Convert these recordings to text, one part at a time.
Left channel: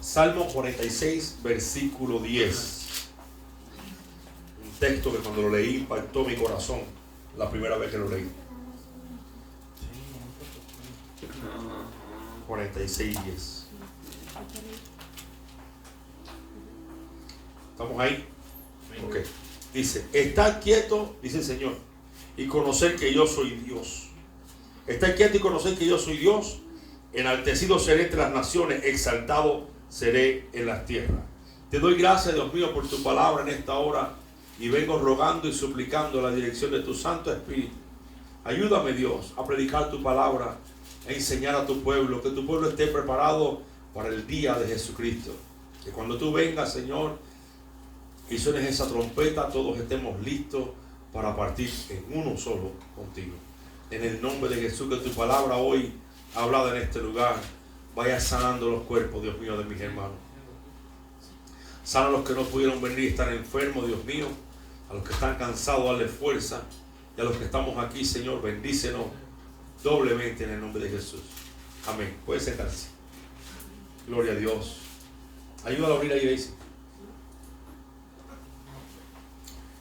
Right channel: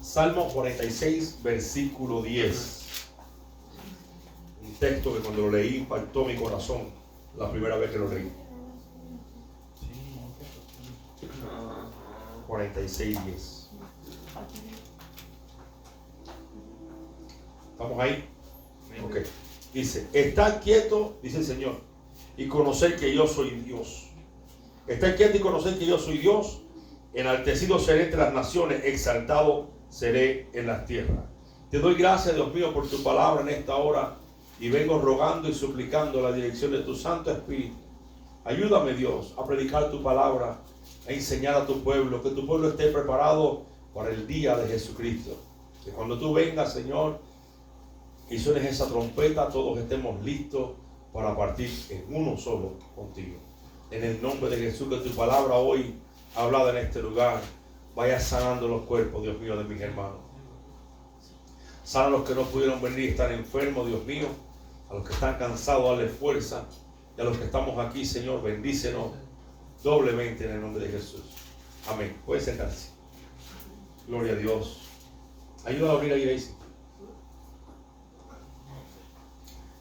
Salmo 46, versículo 10. Un texto que cuando lo leí impactó mi corazón la primera vez que lo leí. 46, 10. ¿Estamos ahí? Ok. Dice, estad quieto, dice el Señor, y conocer que yo soy Dios. Estad quieto y conocer que yo soy Dios. Enaltecido seré entre las naciones, exaltado seré en las tierras. Te doy gracias, Dios mío, por tu palabra en esta hora, y vengo rogando y suplicando la dirección de tu Santo Espíritu. Ayúdame, Dios, a predicar tu palabra, a enseñar a tu pueblo, que tu pueblo esté preparado para el día de Jesucristo. Que cuando tú vengas, Señor, y suenes esa trompeta, todos estemos listos para partir en uno solo contigo. En el nombre de Jesús, que tu palabra hoy hablada en este lugar vaya sanando los cuerpos, Dios mío, de mis hermanos. Sana a los que no pudieron venir y están enfermos, Dios mío. A los que están cansados, dale fuerza. Y a los que estamos aquí, Señor, bendícenos doblemente en el nombre de Jesús. Amén. Puede sentarse. Gloria a Dios. Ayúdame a abrir la iglesia.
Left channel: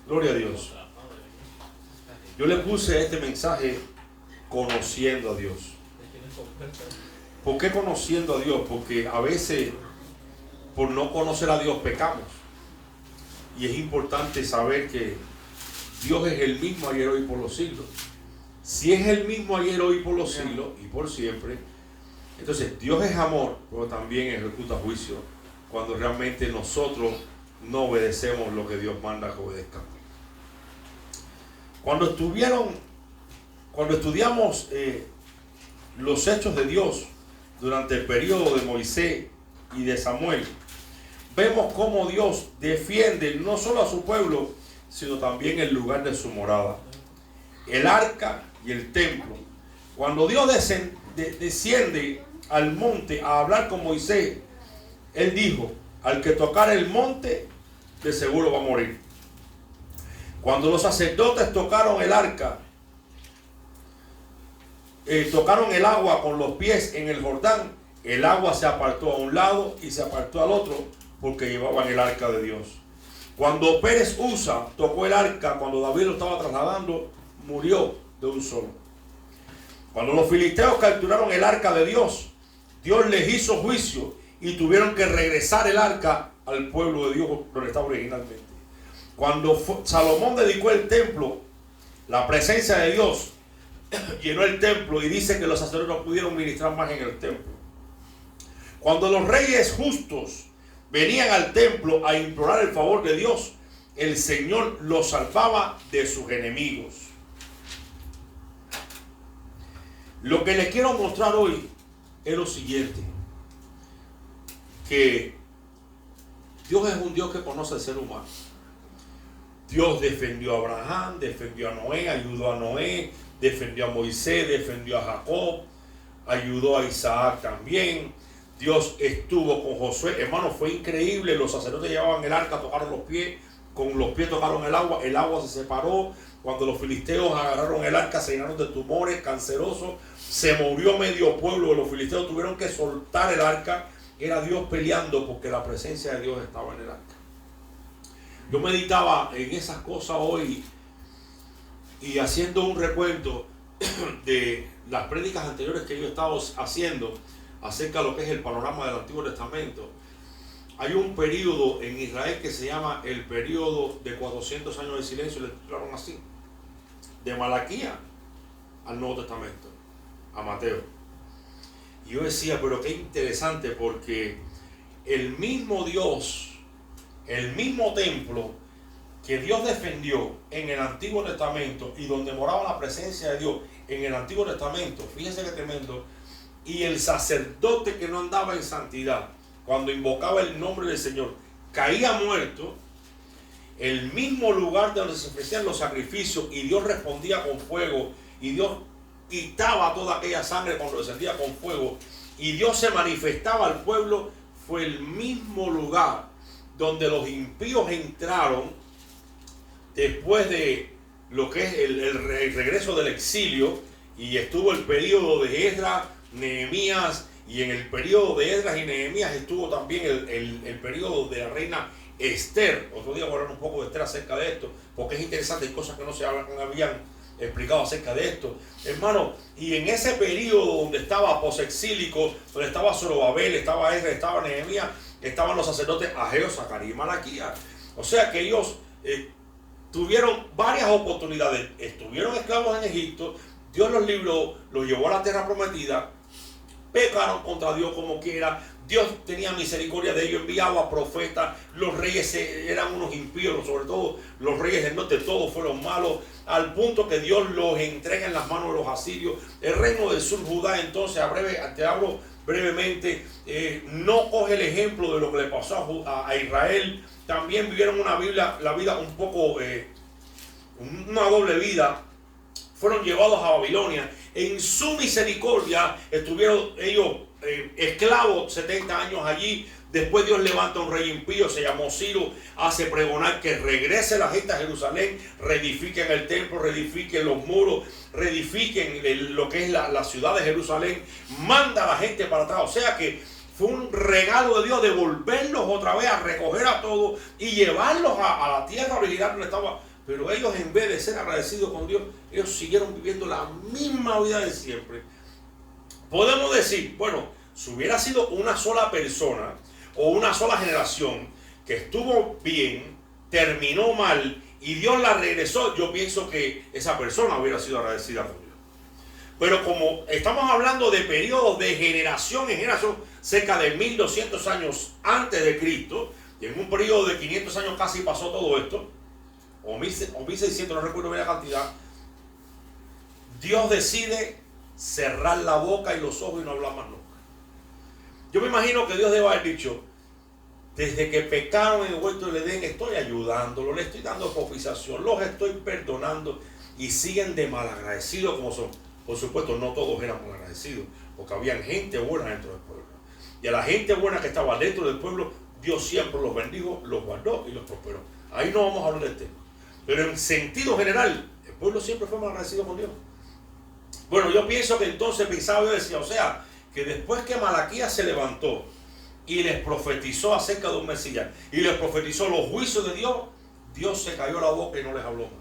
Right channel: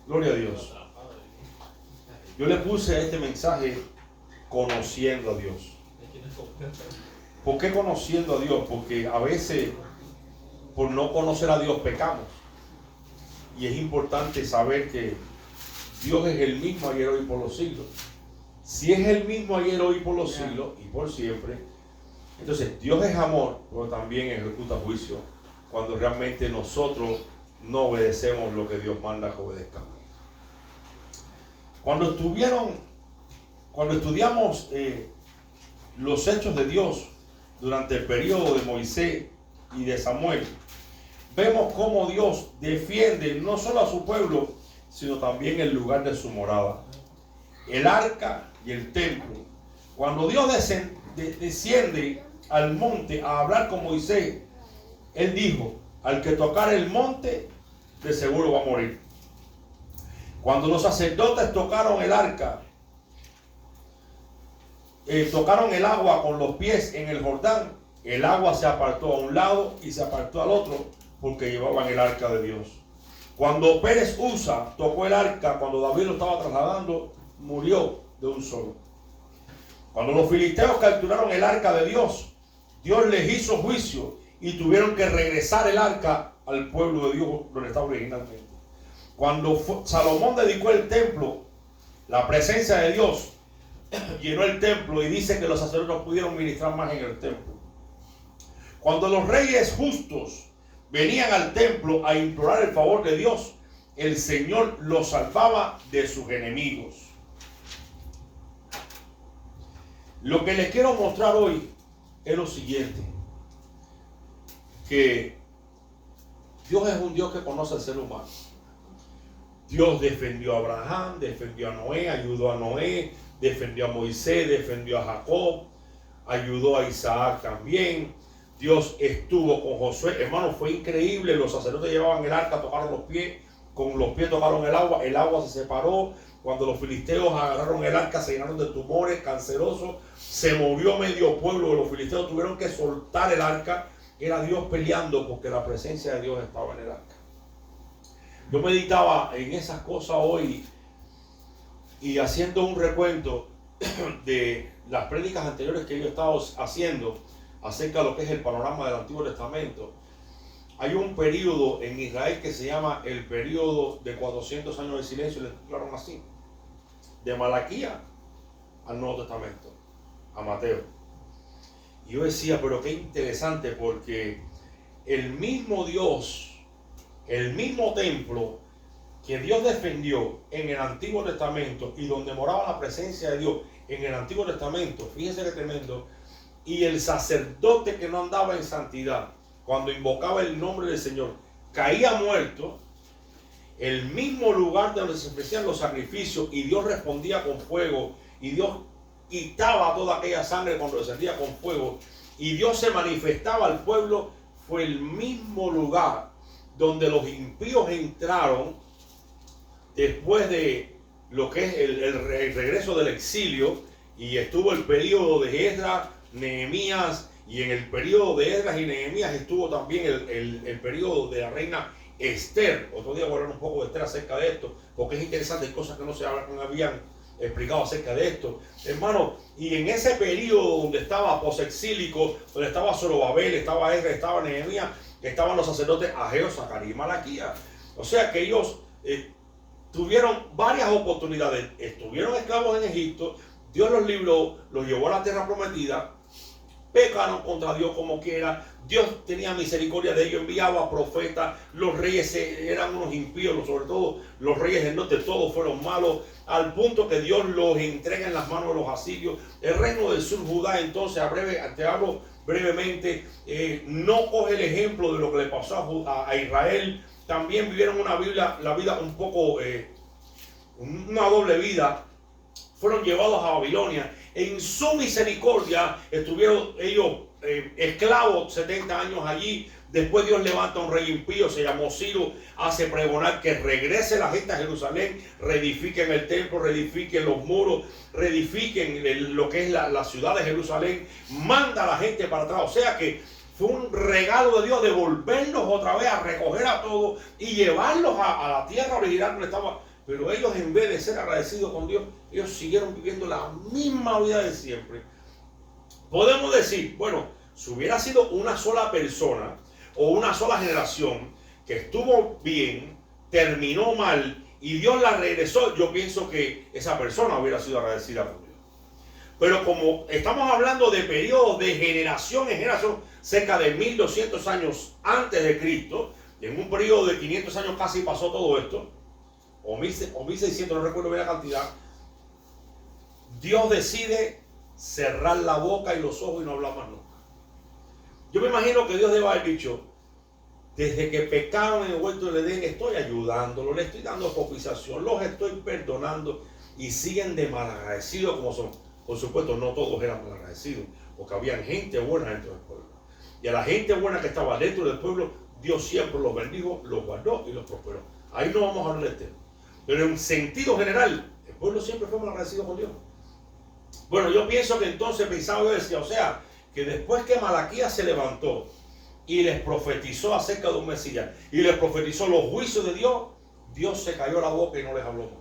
Gloria a Dios. Yo le puse este mensaje conociendo a Dios. ¿Por qué conociendo a Dios? Porque a veces por no conocer a Dios pecamos. Y es importante saber que Dios es el mismo ayer, hoy y por los siglos. Si es el mismo ayer, hoy y por los siglos y por siempre, entonces Dios es amor, pero también ejecuta juicio cuando realmente nosotros no obedecemos lo que Dios manda que obedezcamos. Cuando estudiamos los hechos de Dios durante el periodo de Moisés y de Samuel, vemos cómo Dios defiende no solo a su pueblo, sino también el lugar de su morada, el arca y el templo. Cuando Dios desciende al monte a hablar con Moisés, él dijo, al que tocar el monte, de seguro va a morir. Cuando los sacerdotes tocaron el arca, tocaron el agua con los pies en el Jordán, el agua se apartó a un lado y se apartó al otro, porque llevaban el arca de Dios. Cuando Pérez Usa tocó el arca, cuando David lo estaba trasladando, murió de un solo. Cuando los filisteos capturaron el arca de Dios, Dios les hizo juicio y tuvieron que regresar el arca al pueblo de Dios donde estaba originalmente. Cuando Salomón dedicó el templo, la presencia de Dios llenó el templo y dice que los sacerdotes no pudieron ministrar más en el templo. Cuando los reyes justos venían al templo a implorar el favor de Dios, el Señor los salvaba de sus enemigos. Lo que les quiero mostrar hoy es lo siguiente, que Dios es un Dios que conoce al ser humano. Dios defendió a Abraham, defendió a Noé, ayudó a Noé, defendió a Moisés, defendió a Jacob, ayudó a Isaac también. Dios estuvo con Josué. Hermano, fue increíble. Los sacerdotes llevaban el arca, tocaron los pies, con los pies tocaron el agua se separó. Cuando los filisteos agarraron el arca, se llenaron de tumores cancerosos, se murió medio pueblo. Los filisteos tuvieron que soltar el arca. Era Dios peleando porque la presencia de Dios estaba en el arca. Yo meditaba en esas cosas hoy y haciendo un recuento de las prédicas anteriores que yo he estado haciendo acerca de lo que es el panorama del Antiguo Testamento. Hay un periodo en Israel que se llama el periodo de 400 años de silencio, le titularon así, de Malaquía al Nuevo Testamento, a Mateo. Y yo decía, pero qué interesante, porque el mismo Dios, el mismo templo que Dios defendió en el Antiguo Testamento y donde moraba la presencia de Dios en el Antiguo Testamento, fíjense qué tremendo, y el sacerdote que no andaba en santidad, cuando invocaba el nombre del Señor, caía muerto, el mismo lugar donde se ofrecían los sacrificios, y Dios respondía con fuego, y Dios quitaba toda aquella sangre cuando descendía con fuego, y Dios se manifestaba al pueblo, fue el mismo lugar donde los impíos entraron después de lo que es el regreso del exilio, y estuvo el periodo de Esdras, Nehemías Y en el periodo de Esdras y Nehemías estuvo también el periodo de la reina Esther. Otro día voy a hablar un poco de Esther acerca de esto, porque es interesante, hay cosas que no se habían explicado acerca de esto, hermano. Y en ese periodo donde estaba posexílico, donde estaba Zorobabel, estaba Esdras, estaba Nehemías, estaban los sacerdotes Ageo, Zacarías y Malaquías. O sea que ellos tuvieron varias oportunidades. Estuvieron esclavos en Egipto, Dios los libró, los llevó a la tierra prometida, pecaron contra Dios como quiera, Dios tenía misericordia de ellos, enviaba profetas, los reyes eran unos impíos, sobre todo los reyes del norte, todos fueron malos, al punto que Dios los entrega en las manos de los asirios. El reino del sur, Judá, entonces, te hablo brevemente, no coge el ejemplo de lo que le pasó a Israel. También vivieron la vida un poco, una doble vida. Fueron llevados a Babilonia. En su misericordia estuvieron ellos esclavos 70 años allí. Después Dios levanta un rey impío, se llamó Ciro, hace pregonar que regrese la gente a Jerusalén, reedifiquen el templo, reedifiquen los muros, reedifiquen lo que es la ciudad de Jerusalén, manda a la gente para atrás. O sea que fue un regalo de Dios devolverlos otra vez, a recoger a todos y llevarlos a la tierra original donde estaba. Pero ellos, en vez de ser agradecidos con Dios, ellos siguieron viviendo la misma vida de siempre. Podemos decir, bueno, si hubiera sido una sola persona o una sola generación que estuvo bien, terminó mal y Dios la regresó, yo pienso que esa persona hubiera sido agradecida con Dios. Pero como estamos hablando de periodos de generación en generación, cerca de 1200 años antes de Cristo, y en un periodo de 500 años casi pasó todo esto, o 1600, no recuerdo bien la cantidad, Dios decide cerrar la boca y los ojos y no hablar más nunca. Yo me imagino que Dios debe haber dicho, desde que pecaron en el huerto del Edén, estoy ayudándolos, les estoy dando propiciación, los estoy perdonando, y siguen de malagradecidos como son. Por supuesto, no todos eran malagradecidos, porque había gente buena dentro del pueblo. Y a la gente buena que estaba dentro del pueblo, Dios siempre los bendijo, los guardó y los prosperó. Ahí no vamos a hablar del tema. Pero en sentido general, el pueblo siempre fue malagradecido con Dios. Bueno, yo pienso que entonces pensaba, yo decía, o sea, que después que Malaquías se levantó y les profetizó acerca de un Mesías y les profetizó los juicios de Dios, Dios se cayó la boca y no les habló más.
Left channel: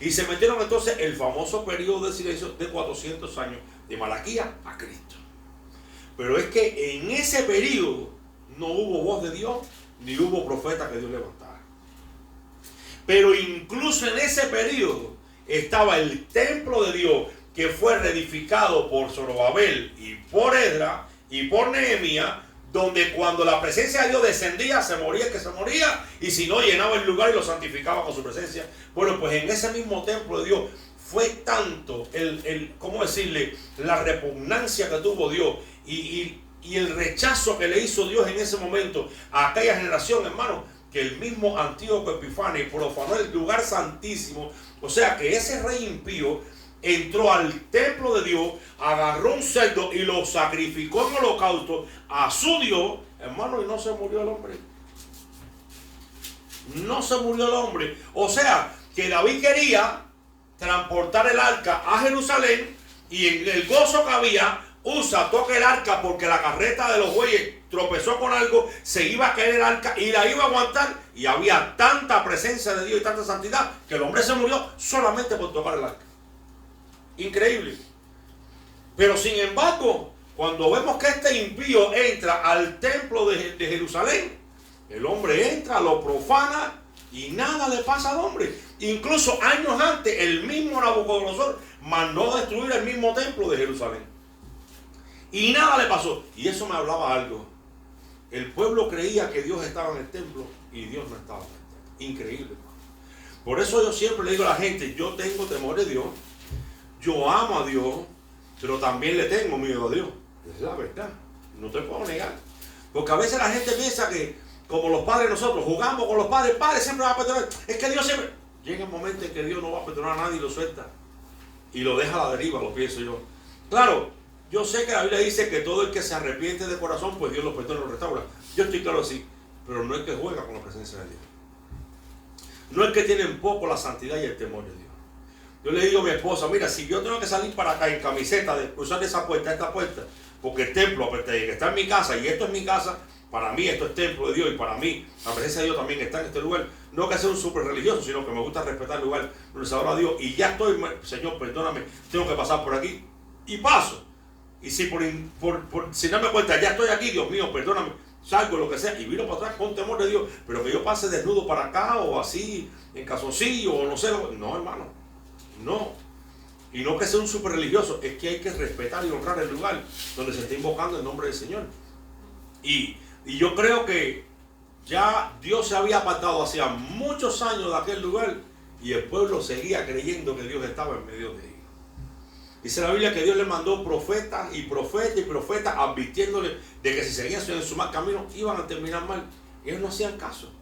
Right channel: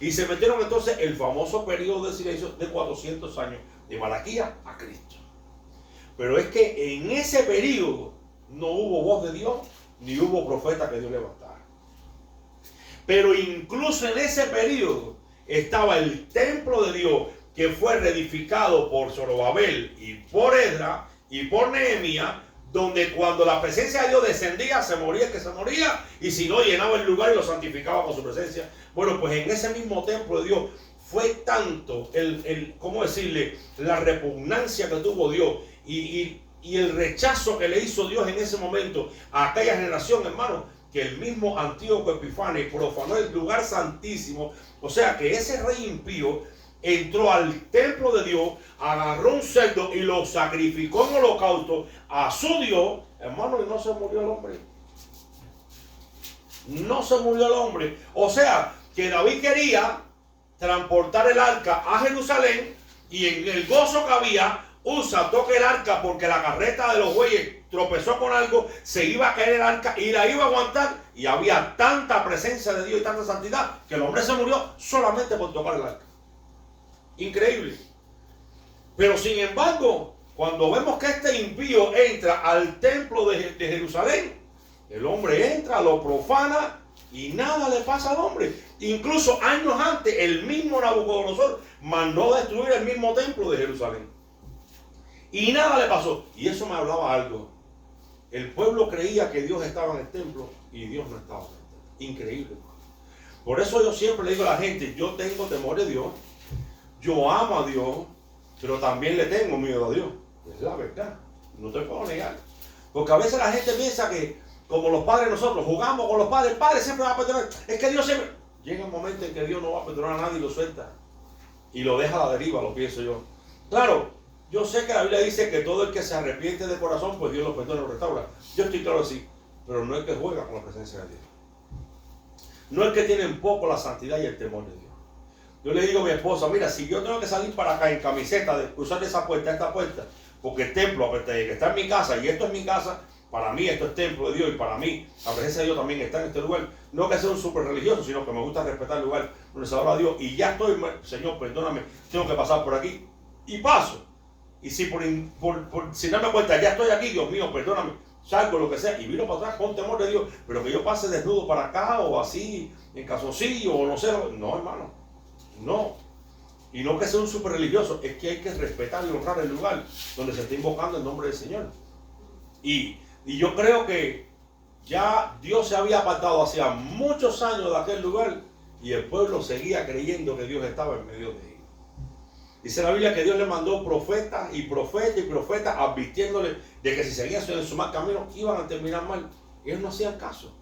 Y se metieron entonces el famoso periodo de silencio de 400 años, de Malaquías a Cristo. Pero es que en ese periodo no hubo voz de Dios, ni hubo profeta que Dios levantara. Pero incluso en ese periodo estaba el templo de Dios, que fue reedificado por Zorobabel y por Esdras y por Nehemías, donde cuando la presencia de Dios descendía, se moría el que se moría, y si no, llenaba el lugar y lo santificaba con su presencia. Bueno, pues en ese mismo templo de Dios fue tanto ¿cómo decirle?, la repugnancia que tuvo Dios y el rechazo que le hizo Dios en ese momento a aquella generación, hermano, que el mismo Antíoco Epifanes profanó el lugar santísimo. O sea que ese rey impío entró al templo de Dios, agarró un cerdo y lo sacrificó en holocausto a su Dios, hermano, y no se murió el hombre. No se murió el hombre. O sea que David quería transportar el arca a Jerusalén, y en el gozo que había, toca el arca porque la carreta de los bueyes tropezó con algo, se iba a caer el arca y la iba a aguantar, y había tanta presencia de Dios y tanta santidad que el hombre se murió solamente por tocar el arca. Increíble. Pero sin embargo, cuando vemos que este impío entra al templo de Jerusalén, el hombre entra, lo profana y nada le pasa al hombre. Incluso años antes, el mismo Nabucodonosor mandó destruir el mismo templo de Jerusalén y nada le pasó. Y eso me hablaba algo. El pueblo creía que Dios estaba en el templo y Dios no estaba en el templo. Increíble. Por eso yo siempre le digo a la gente, yo tengo temor de Dios, yo amo a Dios, pero también le tengo miedo a Dios. Es la verdad, no te puedo negar. Porque a veces la gente piensa que, como los padres nosotros, jugamos con los padres, el padre siempre va a perdonar. Es que Dios siempre... Llega un momento en que Dios no va a perdonar a nadie y lo suelta. Y lo deja a la deriva, lo pienso yo. Claro, yo sé que la Biblia dice que todo el que se arrepiente de corazón, pues Dios lo perdona y lo restaura. Yo estoy claro así, pero no es que juega con la presencia de Dios. No es que tiene en poco la santidad y el temor de Dios. Yo le digo a mi esposa, mira, si yo tengo que salir para acá en camiseta, de cruzar de esa puerta a esta puerta, porque el templo, aparte de que está en mi casa, y esto es mi casa, para mí esto es templo de Dios, y para mí la presencia de Dios también está en este lugar. No que sea un súper religioso, sino que me gusta respetar el lugar donde se adora a Dios, y ya estoy, Señor, perdóname, tengo que pasar por aquí, y paso. Y si si no me cuenta, ya estoy aquí, Dios mío, perdóname, salgo, lo que sea, y vino para atrás con temor de Dios, pero que yo pase desnudo para acá, o así, en calzoncillo, o no sé, no, hermano, no. Y no que sea un súper religioso, es que hay que respetar y honrar el lugar donde se está invocando el nombre del Señor. Y yo creo que ya Dios se había apartado hacía muchos años de aquel lugar, y el pueblo seguía creyendo que Dios estaba en medio de ellos. Dice la Biblia que Dios le mandó profetas y profetas advirtiéndole de que si seguían en su mal camino iban a terminar mal. Y ellos no hacían caso.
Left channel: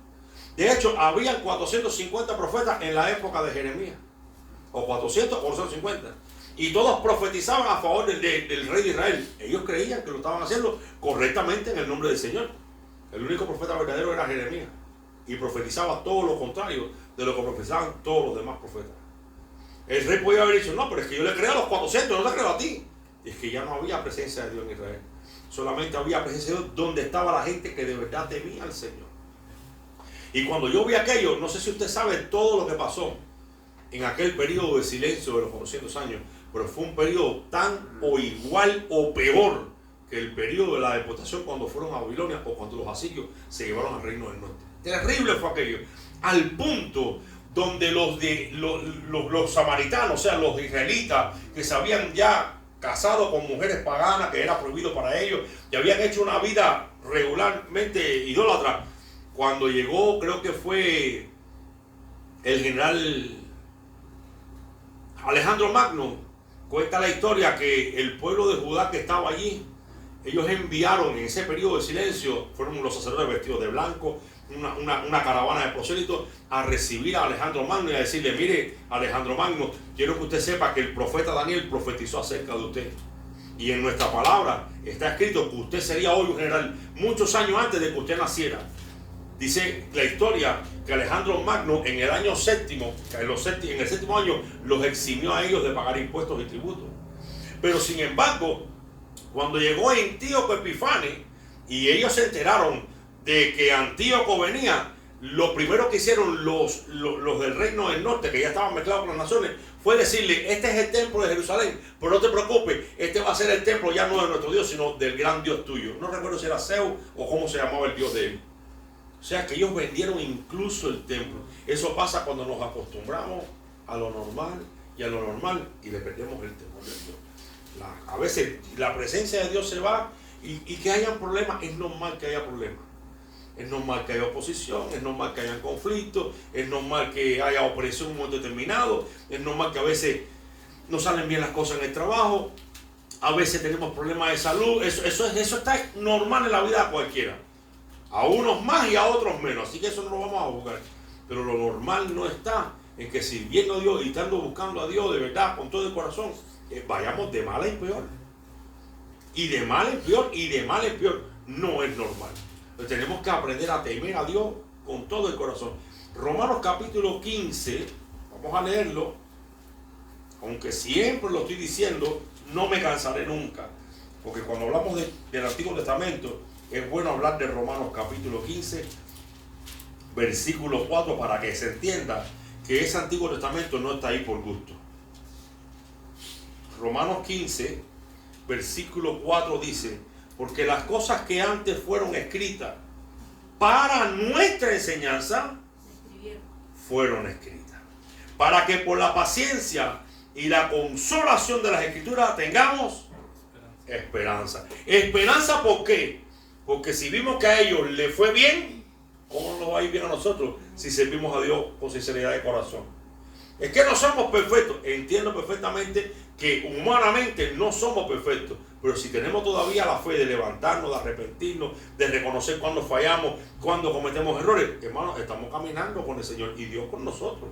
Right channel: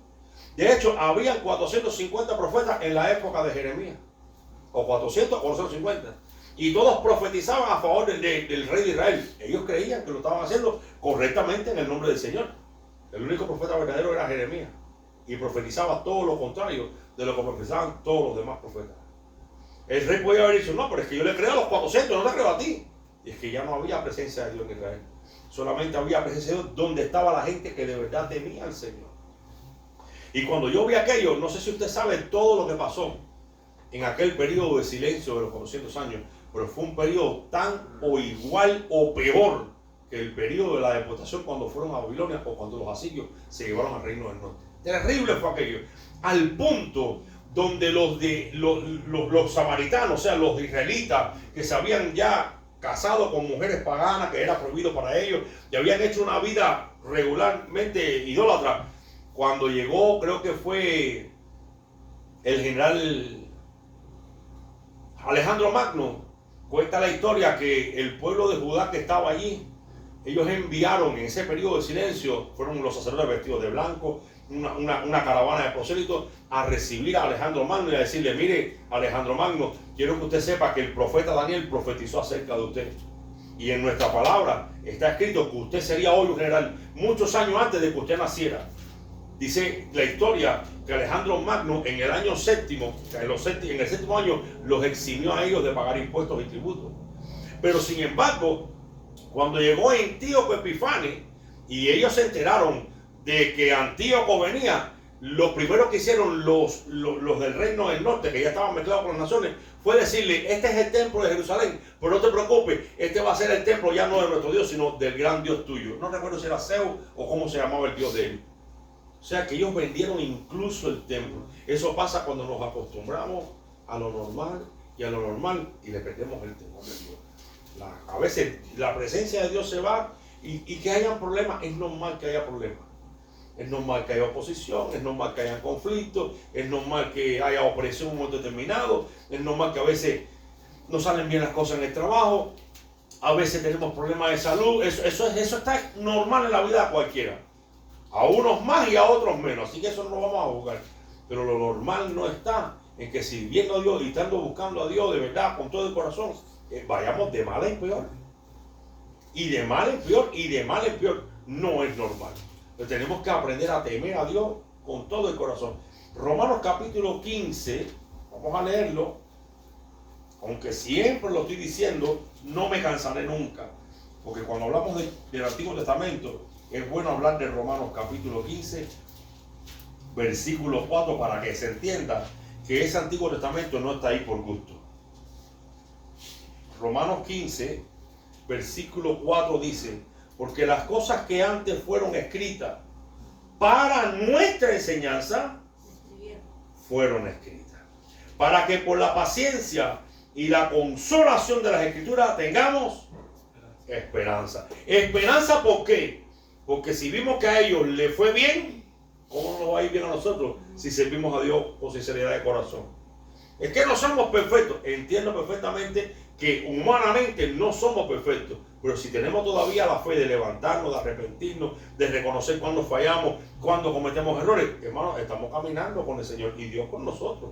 De hecho, había 450 profetas en la época de Jeremías. O 400 o 450. Y todos profetizaban a favor del rey de Israel. Ellos creían que lo estaban haciendo correctamente en el nombre del Señor. El único profeta verdadero era Jeremías. Y profetizaba todo lo contrario de lo que profetizaban todos los demás profetas. El rey podía haber dicho, no, pero es que yo le creo a los 400, no le creo a ti. Y es que ya no había presencia de Dios en Israel. Solamente había presencia de Dios donde estaba la gente que de verdad temía al Señor. Y cuando yo vi aquello, no sé si usted sabe todo lo que pasó en aquel periodo de silencio de los 400 años, pero fue un periodo tan o igual o peor que el periodo de la deportación cuando fueron a Babilonia o cuando los asirios se llevaron al reino del norte. Terrible fue aquello, al punto donde los samaritanos, o sea, los israelitas que se habían ya casado con mujeres paganas, que era prohibido para ellos, y habían hecho una vida regularmente idólatra. Cuando llegó, creo que fue el general Alejandro Magno, cuenta la historia que el pueblo de Judá que estaba allí, ellos enviaron en ese periodo de silencio, fueron los sacerdotes vestidos de blanco, una caravana de prosélitos a recibir a Alejandro Magno y a decirle, mire, Alejandro Magno, quiero que usted sepa que el profeta Daniel profetizó acerca de usted. Y en nuestra palabra está escrito que usted sería hoy un general muchos años antes de que usted naciera. Dice la historia que Alejandro Magno en el año séptimo, en el séptimo año, los eximió a ellos de pagar impuestos y tributos. Pero sin embargo, cuando llegó Antíoco Epifanes y ellos se enteraron de que Antíoco venía, lo primero que hicieron los del reino del norte, que ya estaban mezclados con las naciones, fue decirle, este es el templo de Jerusalén, pero no te preocupes, este va a ser el templo ya no de nuestro Dios, sino del gran Dios tuyo. No recuerdo si era Zeus o cómo se llamaba el Dios de él. O sea que ellos vendieron incluso el templo. Eso pasa cuando nos acostumbramos a lo normal y le perdemos el temor de Dios. A veces la presencia de Dios se va y que hayan problemas, es normal que haya problemas. Es normal que haya oposición, es normal que haya conflictos, es normal que haya opresión en un momento determinado, es normal que a veces no salen bien las cosas en el trabajo, a veces tenemos problemas de salud, eso está normal en la vida de cualquiera. A unos más y a otros menos, así que eso no lo vamos a juzgar. Pero lo normal no está en que sirviendo a Dios y estando buscando a Dios de verdad, con todo el corazón, vayamos de mal en peor. Y de mal en peor, y de mal en peor. No es normal. Entonces tenemos que aprender a temer a Dios con todo el corazón. Romanos capítulo 15, vamos a leerlo, aunque siempre lo estoy diciendo, no me cansaré nunca. Porque cuando hablamos del Antiguo Testamento, es bueno hablar de Romanos capítulo 15, versículo 4, para que se entienda que ese Antiguo Testamento no está ahí por gusto. Romanos 15, versículo 4 dice, porque las cosas que antes fueron escritas para nuestra enseñanza, fueron escritas, para que por la paciencia y la consolación de las Escrituras tengamos esperanza. ¿Esperanza por qué? Porque si vimos que a ellos les fue bien, ¿cómo nos va a ir bien a nosotros si servimos a Dios con sinceridad de corazón? Es que no somos perfectos. Entiendo perfectamente que humanamente no somos perfectos, pero si tenemos todavía la fe de levantarnos, de arrepentirnos, de reconocer cuando fallamos, cuando cometemos errores, hermanos, estamos caminando con el Señor y Dios con nosotros.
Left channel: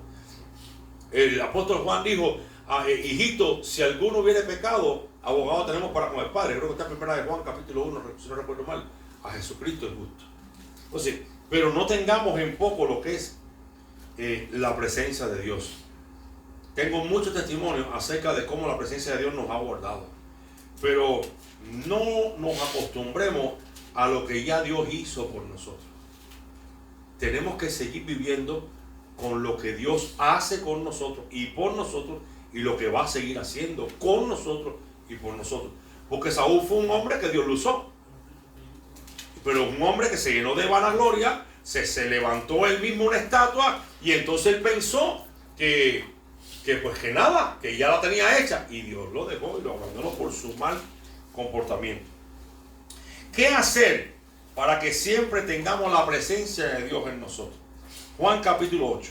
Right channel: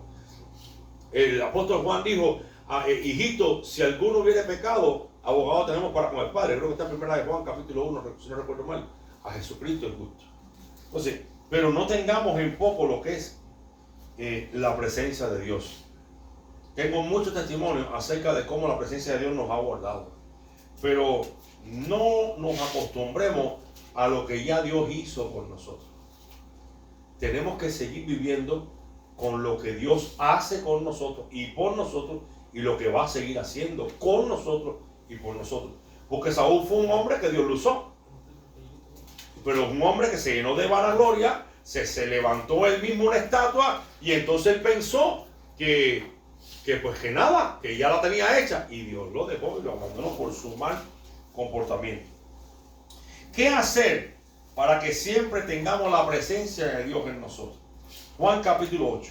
El apóstol Juan dijo, hijito, si alguno hubiere pecado, abogado tenemos para con el Padre. Creo que está en 1 de Juan capítulo 1, si no recuerdo mal. A Jesucristo el justo. Entonces, pero no tengamos en poco lo que es la presencia de Dios. Tengo muchos testimonios acerca de cómo la presencia de Dios nos ha guardado. Pero no nos acostumbremos a lo que ya Dios hizo por nosotros. Tenemos que seguir viviendo con lo que Dios hace con nosotros y por nosotros, y lo que va a seguir haciendo con nosotros y por nosotros. Porque Saúl fue un hombre que Dios lo usó, pero un hombre que se llenó de vanagloria, se levantó él mismo una estatua, y entonces él pensó que nada, que ya la tenía hecha, y Dios lo dejó y lo abandonó por su mal comportamiento. ¿Qué hacer para que siempre tengamos la presencia de Dios en nosotros? Juan capítulo 8.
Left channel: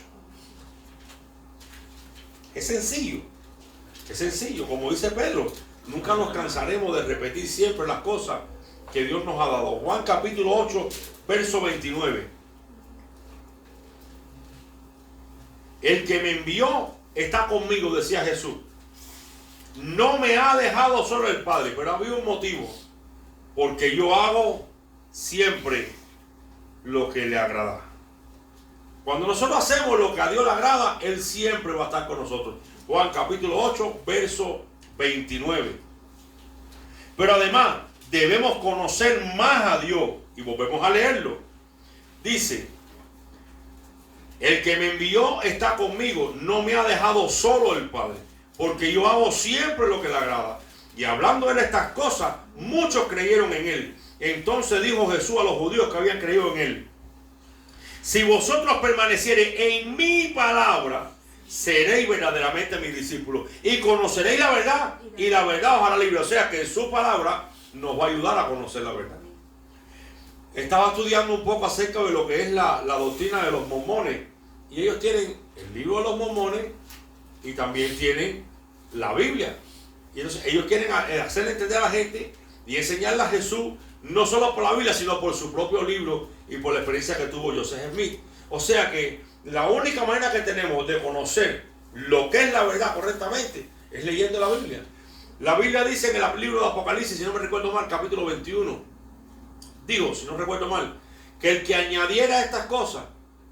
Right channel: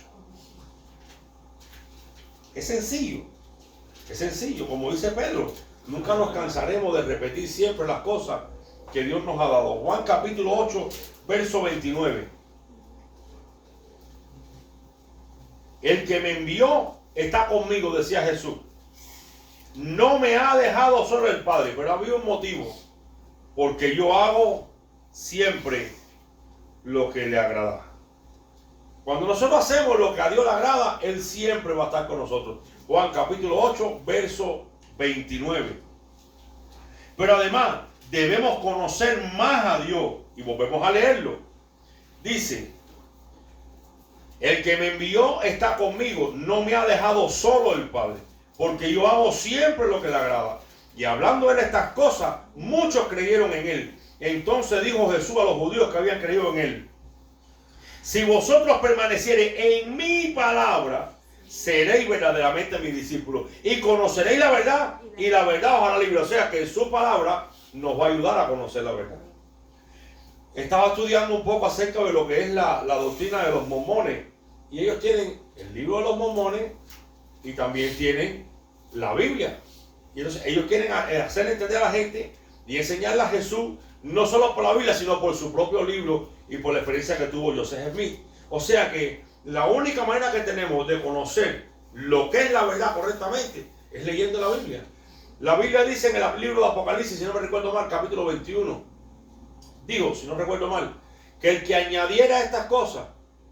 Es sencillo, como dice Pedro, nunca nos cansaremos de repetir siempre las cosas que Dios nos ha dado. Juan capítulo 8, verso 29. El que me envió está conmigo, decía Jesús. No me ha dejado solo el Padre, pero había un motivo, porque yo hago siempre lo que le agrada. Cuando nosotros hacemos lo que a Dios le agrada, Él siempre va a estar con nosotros. Juan capítulo 8, verso 29. Pero además debemos conocer más a Dios, y volvemos a leerlo. Dice: el que me envió está conmigo, no me ha dejado solo el Padre, porque yo hago siempre lo que le agrada. Y hablando él estas cosas, muchos creyeron en él. Entonces dijo Jesús a los judíos que habían creído en él: si vosotros permaneciereis en mi palabra, seréis verdaderamente mis discípulos, y conoceréis la verdad, y la verdad os hará libre. O sea que su palabra nos va a ayudar a conocer la verdad. Estaba estudiando un poco acerca de lo que es la doctrina de los mormones, y ellos tienen el libro de los mormones y también tienen la Biblia. Y entonces ellos quieren hacer entender a la gente y enseñarle a Jesús, no solo por la Biblia, sino por su propio libro y por la experiencia que tuvo Joseph Smith. O sea que la única manera que tenemos de conocer lo que es la verdad correctamente es leyendo la Biblia. La Biblia dice en el libro de Apocalipsis, si no me recuerdo mal, capítulo 21, digo, si no recuerdo mal, que el que añadiera estas cosas,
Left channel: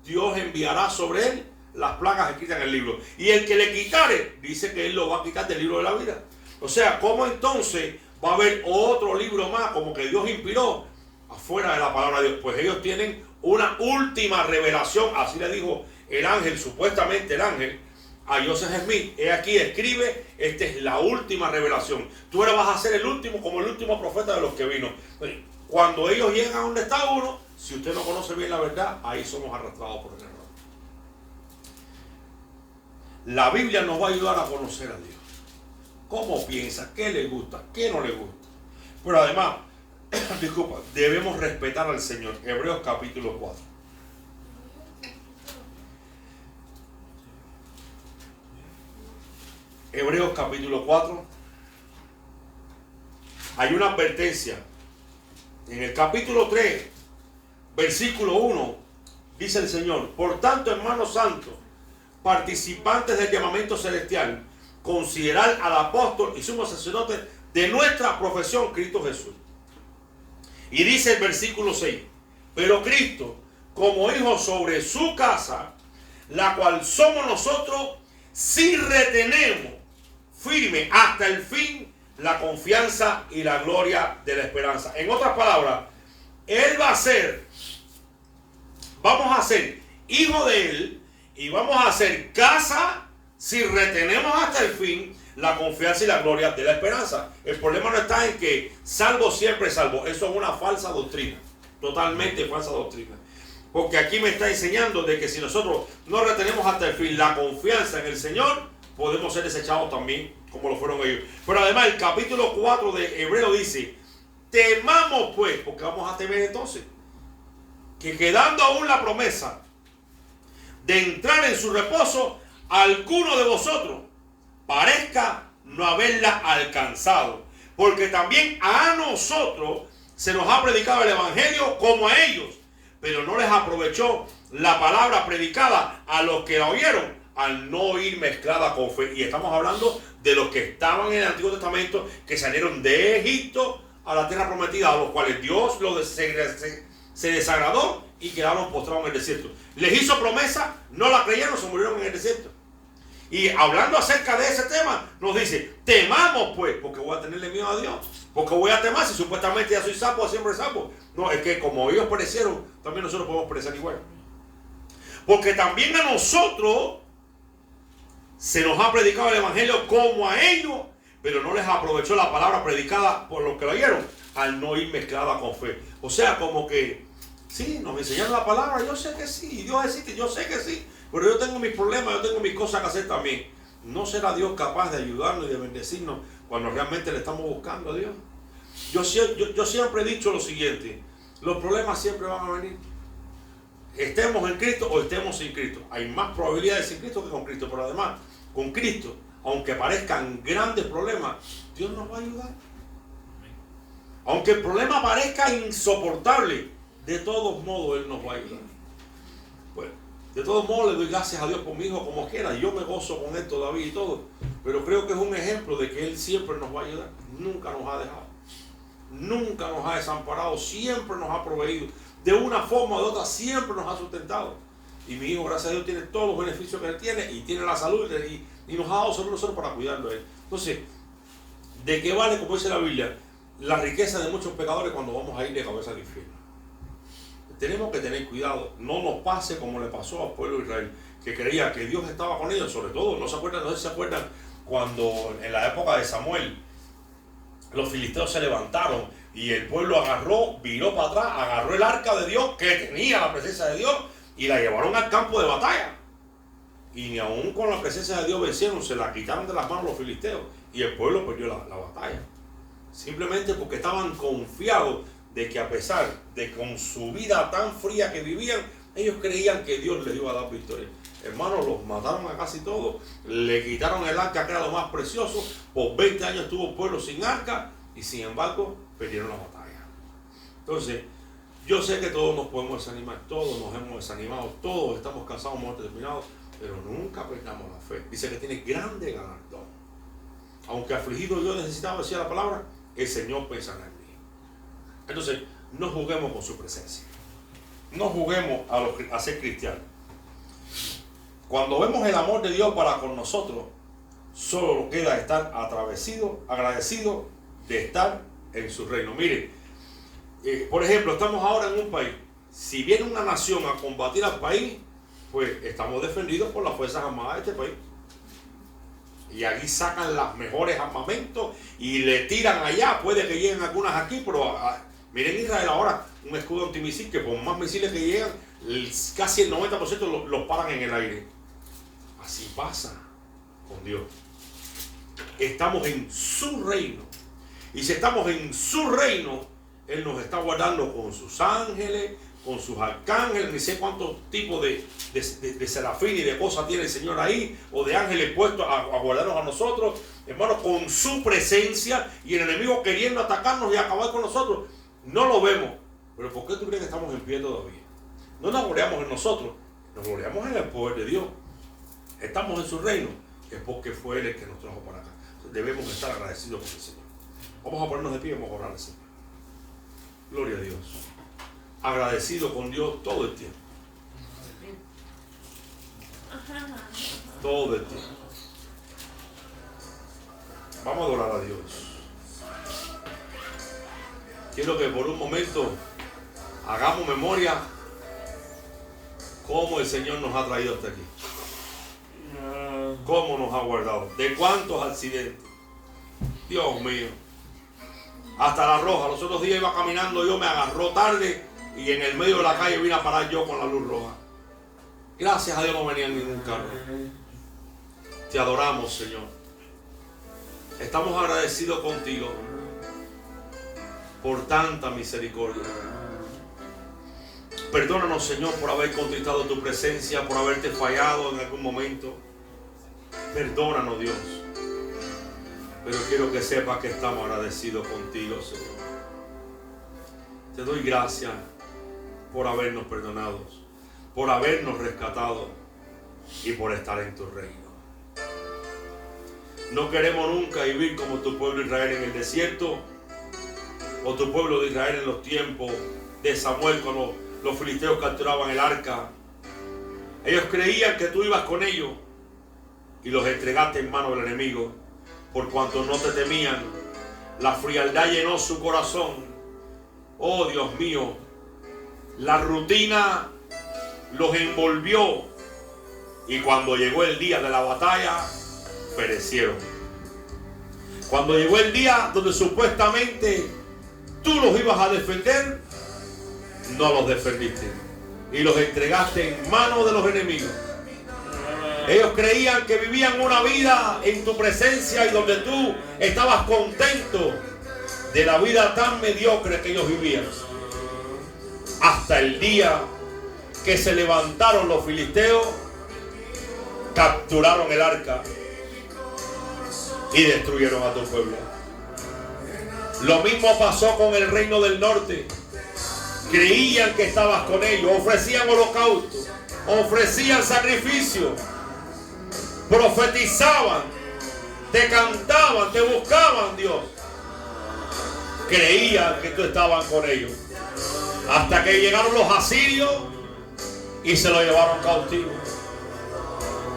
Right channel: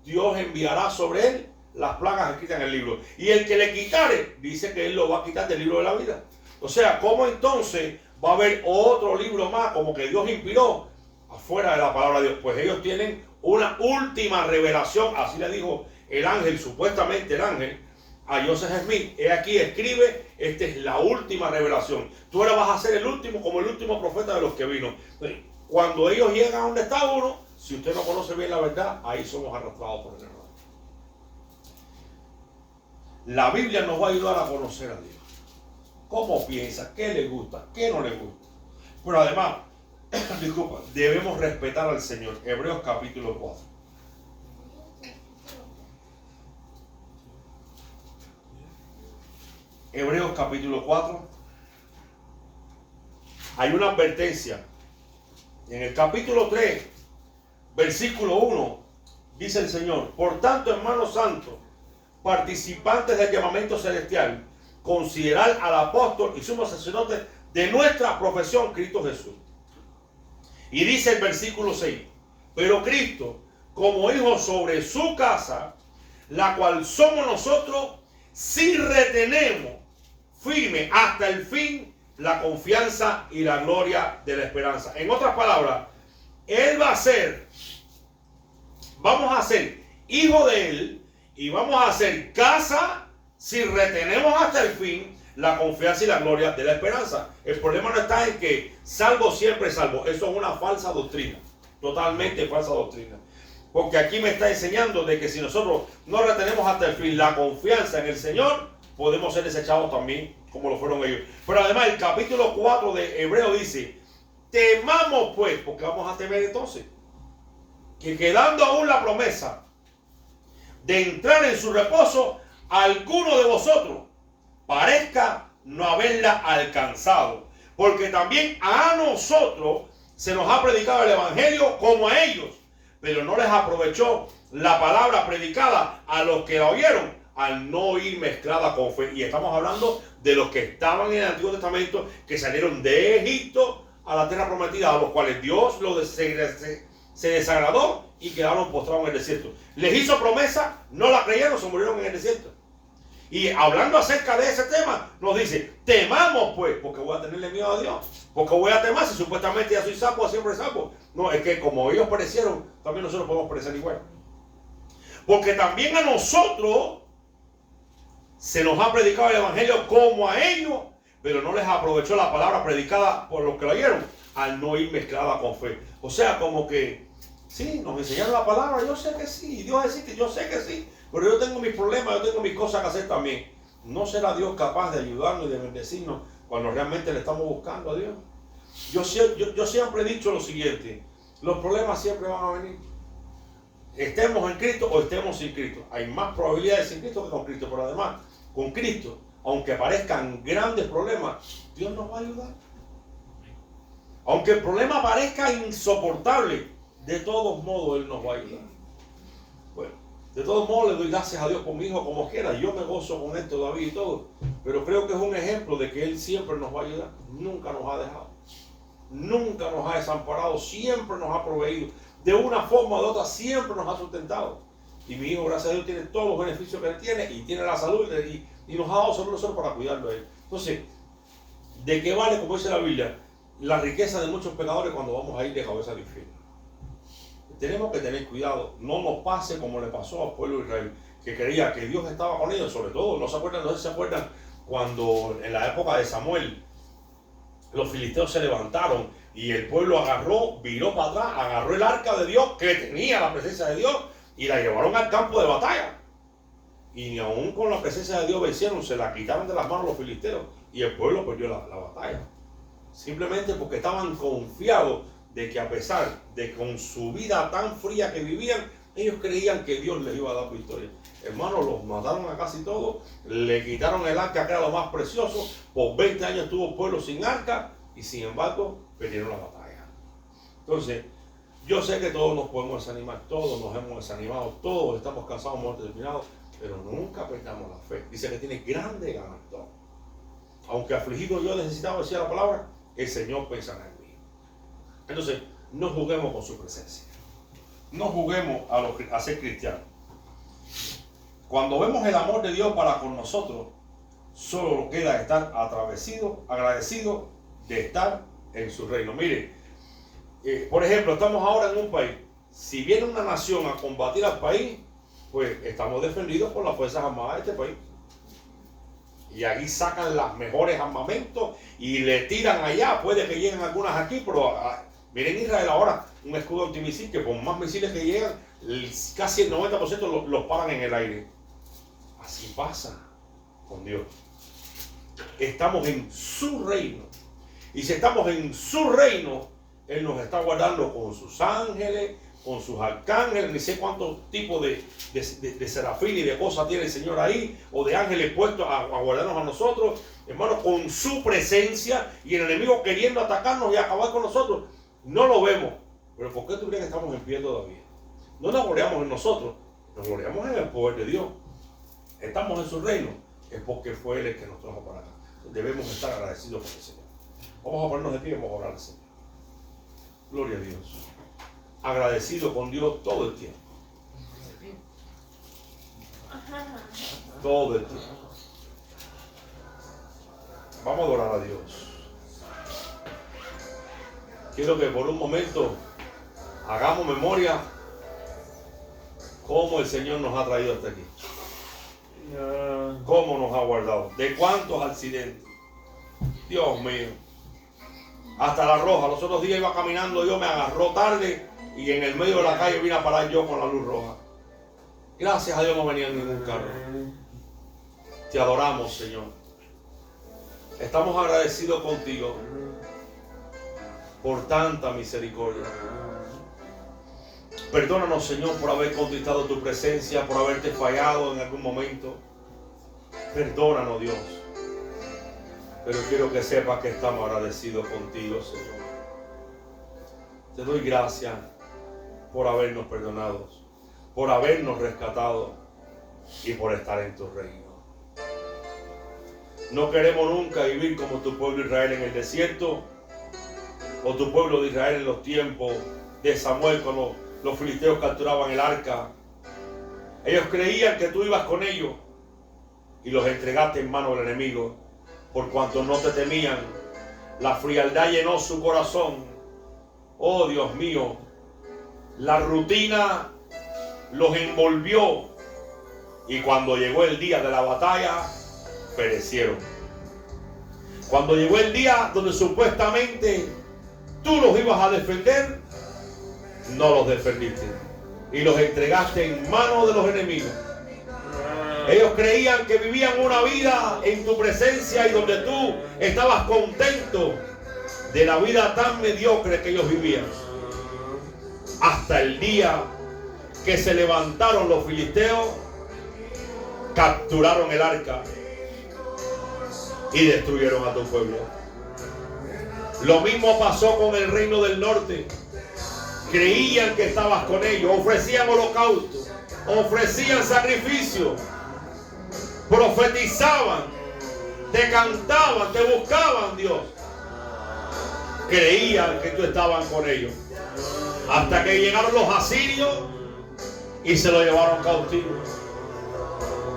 Dios enviará sobre él las plagas escritas en el libro. Y el que le quitare, dice que él lo va a quitar del libro de la vida. O sea, ¿cómo entonces va a haber otro libro más como que Dios inspiró afuera de la palabra de Dios? Pues ellos tienen una última revelación, así le dijo el ángel, supuestamente el ángel, a Joseph Smith: he aquí, escribe, esta es la última revelación. Tú ahora vas a ser el último, como el último profeta de los que vino. Cuando ellos llegan a donde está uno, si usted no conoce bien la verdad, ahí somos arrastrados por el error. La Biblia nos va a ayudar a conocer a Dios. ¿Cómo piensa? ¿Qué le gusta? ¿Qué no le gusta? Pero además, disculpa, debemos respetar al Señor. Hebreos capítulo 4. Hebreos capítulo 4. Hay una advertencia. En el capítulo 3, versículo 1, dice el Señor: por tanto, hermanos santos, participantes del llamamiento celestial, considerad al apóstol y sumo sacerdote de nuestra profesión, Cristo Jesús. Y dice el versículo 6: pero Cristo, como hijo sobre su casa, la cual somos nosotros, si retenemos firme hasta el fin la confianza y la gloria de la esperanza. En otras palabras, Él va a ser, vamos a ser hijo de Él, y vamos a hacer casa si retenemos hasta el fin la confianza y la gloria de la esperanza. El problema no está en que salvo siempre salvo. Eso es una falsa doctrina, totalmente falsa doctrina. Porque aquí me está enseñando de que si nosotros no retenemos hasta el fin la confianza en el Señor, podemos ser desechados también como lo fueron ellos. Pero además el capítulo 4 de Hebreo dice: temamos pues, porque vamos a temer entonces, que quedando aún la promesa de entrar en su reposo, alguno de vosotros parezca no haberla alcanzado. Porque también a nosotros se nos ha predicado el evangelio como a ellos, pero no les aprovechó la palabra predicada a los que la oyeron, al no ir mezclada con fe. Y estamos hablando de los que estaban en el Antiguo Testamento, que salieron de Egipto a la tierra prometida, a los cuales Dios se desagradó y quedaron postrados en el desierto. Les hizo promesa, no la creyeron, se murieron en el desierto. Y hablando acerca de ese tema, nos dice, temamos pues, porque voy a tenerle miedo a Dios. Porque voy a temar si supuestamente ya soy sapo, siempre sapo. No, es que como ellos perecieron, también nosotros podemos perecer igual. Porque también a nosotros se nos ha predicado el evangelio como a ellos, pero no les aprovechó la palabra predicada por los que lo oyeron, al no ir mezclada con fe. O sea, como que, sí, nos enseñaron la palabra, yo sé que sí, Dios existe, yo sé que sí, pero yo tengo mis problemas, yo tengo mis cosas que hacer también. ¿No será Dios capaz de ayudarnos y de bendecirnos cuando realmente le estamos buscando a Dios? Yo siempre he dicho lo siguiente, los problemas siempre van a venir. Estemos en Cristo o estemos sin Cristo. Hay más probabilidades sin Cristo que con Cristo, pero además, con Cristo, aunque parezcan grandes problemas, Dios nos va a ayudar. Aunque el problema parezca insoportable, de todos modos Él nos va a ayudar. Bueno, de todos modos le doy gracias a Dios por mi hijo como quiera. Yo me gozo con él todavía y todo. Pero creo que es un ejemplo de que Él siempre nos va a ayudar. Nunca nos ha dejado. Nunca nos ha desamparado. Siempre nos ha proveído. De una forma o de otra siempre nos ha sustentado. Y mi hijo, gracias a Dios, tiene todos los beneficios que él tiene. Y tiene la salud. Y nos ha dado solo nosotros para cuidarlo a él. Entonces, ¿de qué vale, como dice la Biblia, la riqueza de muchos pecadores cuando vamos a ir de cabeza al infierno? Tenemos que tener cuidado, no nos pase como le pasó al pueblo de Israel, que creía que Dios estaba con ellos. Sobre todo, no sé si se acuerdan cuando en la época de Samuel los filisteos se levantaron y el pueblo agarró, viró para atrás, agarró el arca de Dios que tenía la presencia de Dios y la llevaron al campo de batalla. Y ni aún con la presencia de Dios vencieron, se la quitaron de las manos los filisteos y el pueblo perdió la batalla. Simplemente porque estaban confiados de que a pesar de con su vida tan fría que vivían, ellos creían que Dios les iba a dar victoria. Hermanos, los mataron a casi todos, le quitaron el arca que era lo más precioso, por 20 años estuvo el pueblo sin arca y sin embargo perdieron la batalla. Entonces, yo sé que todos nos podemos desanimar, todos nos hemos desanimado, todos estamos cansados, muertos, terminados, pero nunca perdamos la fe. Dice que tiene grande galardón. Aunque afligido yo necesitaba, decía la palabra, el Señor pensará en mí. Entonces, no juguemos con su presencia. No juguemos a ser cristianos. Cuando vemos el amor de Dios para con nosotros, solo queda estar agradecido de estar en su reino. Mire, por ejemplo, estamos ahora en un país. Si viene una nación a combatir al país, pues estamos defendidos por las Fuerzas Armadas de este país. Y allí sacan los mejores armamentos y le tiran allá. Puede que lleguen algunas aquí, pero miren Israel ahora, un escudo antimisil que por más misiles que llegan, casi el 90% los paran en el aire. Así pasa con Dios. Estamos en su reino. Y si estamos en su reino, Él nos está guardando con sus ángeles, con sus arcángeles, ni sé cuántos tipos de serafín y de cosas tiene el Señor ahí, o de ángeles puestos a guardarnos a nosotros, hermano, con su presencia, y el enemigo queriendo atacarnos y acabar con nosotros. No lo vemos, pero ¿por qué tú crees que estamos en pie todavía? No nos gloriamos en nosotros, nos gloriamos en el poder de Dios. Estamos en su reino, es porque fue Él el que nos trajo para acá. Debemos estar agradecidos con el Señor. Vamos a ponernos de pie y vamos a orar al Señor. Gloria a Dios. Agradecido con Dios todo el tiempo. Todo el tiempo. Vamos a adorar a Dios. Quiero que por un momento hagamos memoria cómo el Señor nos ha traído hasta aquí. Cómo nos ha guardado. De cuántos accidentes. Dios mío. Hasta la roja. Los otros días iba caminando yo, me agarró tarde y en el medio de la calle vine a parar yo con la luz roja. Gracias a Dios no venía ningún carro. Te adoramos, Señor. Estamos agradecidos contigo por tanta misericordia. Perdónanos, Señor, por haber contristado tu presencia, por haberte fallado en algún momento. Perdónanos, Dios. Pero quiero que sepas que estamos agradecidos contigo, Señor. Te doy gracias por habernos perdonado, por habernos rescatado y por estar en tu reino. No queremos nunca vivir como tu pueblo Israel en el desierto o tu pueblo de Israel en los tiempos de Samuel cuando los filisteos capturaban el arca. Ellos creían que tú ibas con ellos, y los entregaste en manos del enemigo, por cuanto no te temían. La frialdad llenó su corazón. Oh Dios mío, la rutina los envolvió, y cuando llegó el día de la batalla, perecieron. Cuando llegó el día donde supuestamente tú los ibas a defender, no los defendiste y los entregaste en manos de los enemigos. Ellos creían que vivían una vida en tu presencia y donde tú estabas contento de la vida tan mediocre que ellos vivían. Hasta el día que se levantaron los filisteos, capturaron el arca y destruyeron a tu pueblo. Lo mismo pasó con el reino del norte. Creían que estabas con ellos, ofrecían holocaustos, ofrecían sacrificios, profetizaban, te cantaban, te buscaban, Dios. Creían que tú estabas con ellos, hasta que llegaron los asirios y se lo llevaron cautivo.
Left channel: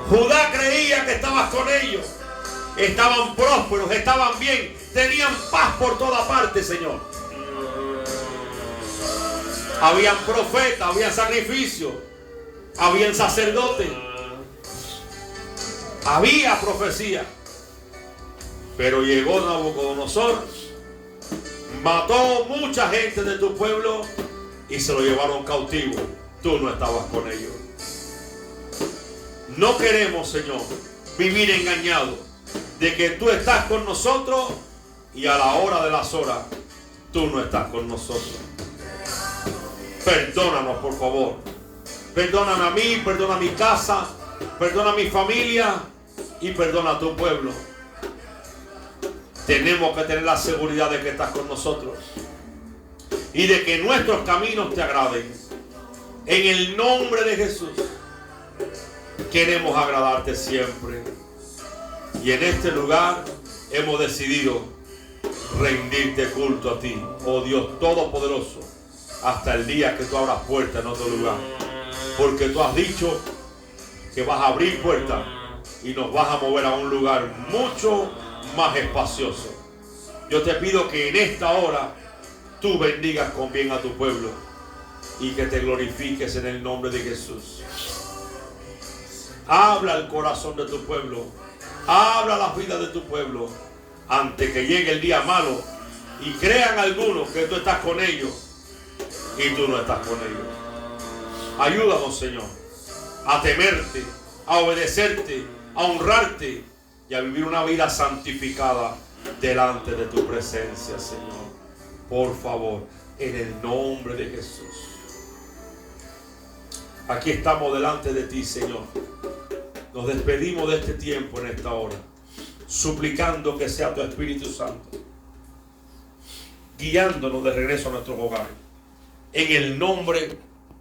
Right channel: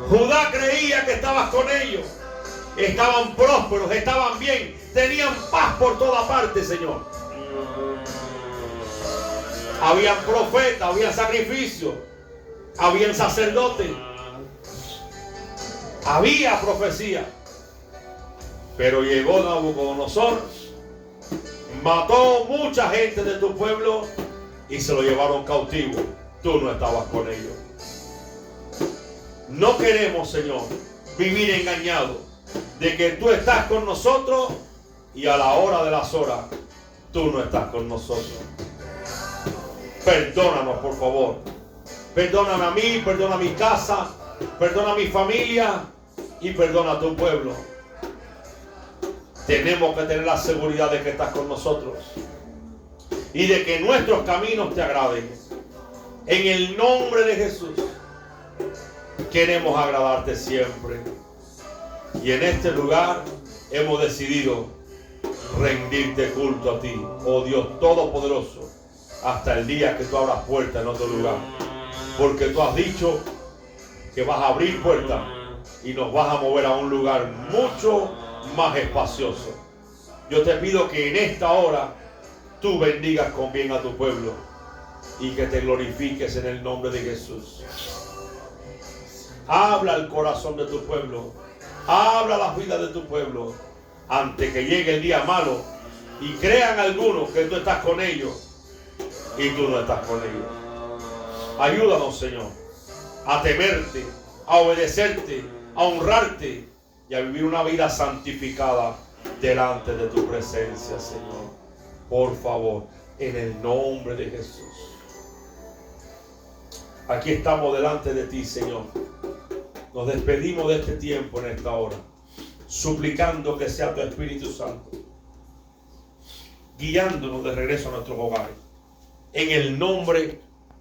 Judá creía que estabas con ellos, estaban prósperos, estaban bien, tenían paz por toda parte, Señor. Habían profetas, había sacrificios, habían sacerdotes, había profecía. Pero llegó Nabucodonosor, mató mucha gente de tu pueblo y se lo llevaron cautivo. Tú no estabas con ellos. No queremos, Señor, vivir engañados de que tú estás con nosotros y a la hora de las horas tú no estás con nosotros. Perdónanos, por favor. Perdóname a mí, perdona a mi casa, perdona a mi familia y perdona a tu pueblo. Tenemos que tener la seguridad de que estás con nosotros y de que nuestros caminos te agraden. En el nombre de Jesús queremos agradarte siempre. Y en este lugar hemos decidido rendirte culto a ti, oh Dios Todopoderoso, hasta el día que tú abras puertas en otro lugar. Porque tú has dicho que vas a abrir puertas y nos vas a mover a un lugar mucho más espacioso. Yo te pido que en esta hora tú bendigas con bien a tu pueblo y que te glorifiques en el nombre de Jesús. Habla el corazón de tu pueblo, habla la vida de tu pueblo antes que llegue el día malo y crean algunos que tú estás con ellos y tú no estás con ellos. Ayúdanos, Señor, a temerte, a obedecerte, a honrarte y a vivir una vida santificada delante de tu presencia, Señor. Por favor, en el nombre de Jesús. Aquí estamos delante de ti, Señor. Nos despedimos de este tiempo en esta hora, suplicando que sea tu Espíritu Santo guiándonos de regreso a nuestros hogares. En el nombre